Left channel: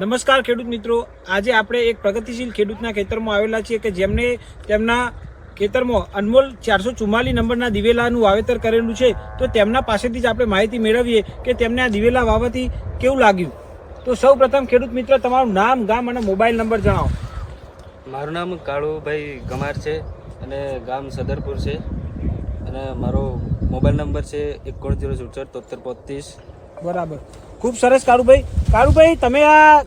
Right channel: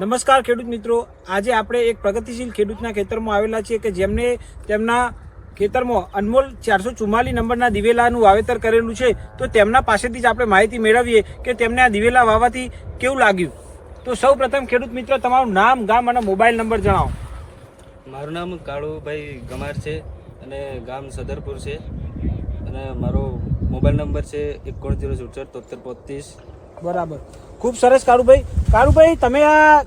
નમસ્કાર ખેડૂત મિત્રો, આજે આપણે એક પ્રગતિશીલ ખેડૂતના ખેતરમાં આવેલા છીએ કે જેમને તેમના ખેતરમાં અનમોલ 444 નંબરના દિવેલાનું વાવેતર કરેલું છે. તો તેમના પાસેથી જ આપણે માહિતી મેળવીએ કે તેમને આ દિવેલા વાવવાથી કેવું લાગ્યું. તો સૌ પ્રથમ ખેડૂત મિત્ર, તમારું નામ, ગામ અને મોબાઈલ નંબર જણાવો. મારું નામ કાળુભાઈ ગમાર છે અને ગામ સદરપુર છે અને મારો મોબાઈલ નંબર છે 91077335. બરાબર, ખૂબ સરસ કાળુભાઈ, તમે આ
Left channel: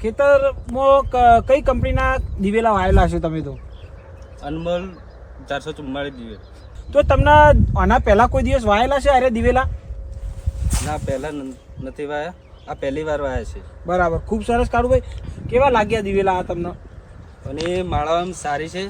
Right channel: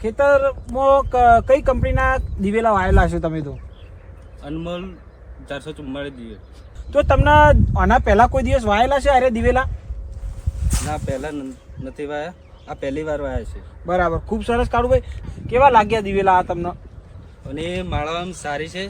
ખેતરમાં કઈ કંપનીના દિવેલા વાવેલા છે? તમે તો અનમોલ 444 દિવેલ. તો તમને આના પહેલા કોઈ દિવસ વાવેલા છે અરે દિવેલા? ના, પહેલાં નથી વાયા, આ પહેલી વાર વાયા છે. બરાબર, ખૂબ સરસ કાળુભાઈ. કેવા લાગ્યા દિવેલા આ તમને? અને એ માળા આમ સારી છે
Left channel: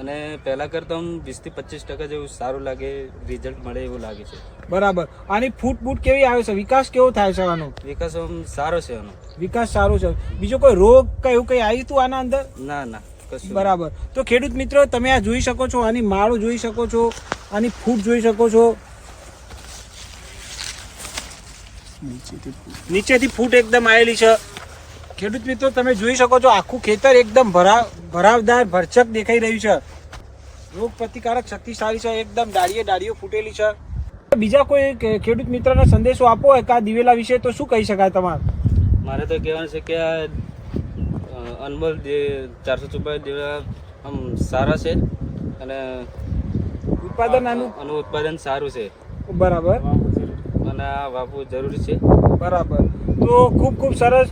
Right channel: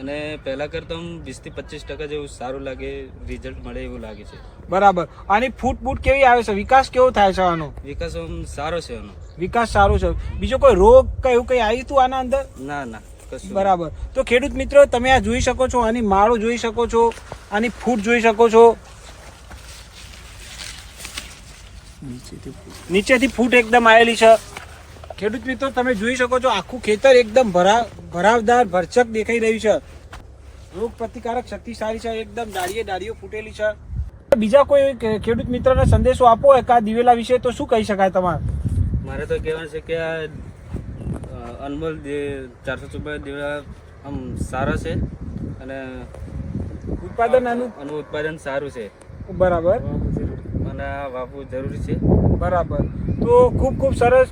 અને પહેલાં કરતાં આમ 20-25% જેવું સારું લાગે, રિઝલ્ટ મળે એવું લાગે છે. બરાબર, આની ફૂટ કેવી આવે છે? વિકાસ કેવો થાય છે આનો? વિકાસ આમ સારો છે આનો. વિકાસ સારો છે. બીજો કોઈ રોગ કે એવું કંઈ આવ્યું હતું આના અંદર? ના કશું. બરાબર, તો ખેડૂત મિત્રો, તમે આ જોઈ શકો છો, આની માળો જોઈ શકો છો, આની ફૂટ જોઈ શકો છો. નીચેથી ફૂટ એકદમ આવેલી છે. ખેડૂત મિત્રો, તમે જોઈ શકો છો, આખું ખેતર એકદમ ભરાવદાર ભરચક દેખાઈ રહ્યું છે. રોગ પ્રતિકારક શક્તિ સારી છે, એકદમ ડાળીઓ ફૂટેલી છે. બીજા કોઈ ખેડૂત મિત્રને સંદેશો આપો હોય કે આ દિવેલા વિશે, તો શું કહી શકાય તમારે? મારે તો કહેવાનું છે કે આ અનમોલ 444 દિવેલા આમ સારા છે અને ઉત્પાદન સારું છે. બરાબર, અને આ વાવવું જરૂરી છે. બરાબર. તો ખૂબ સરસ.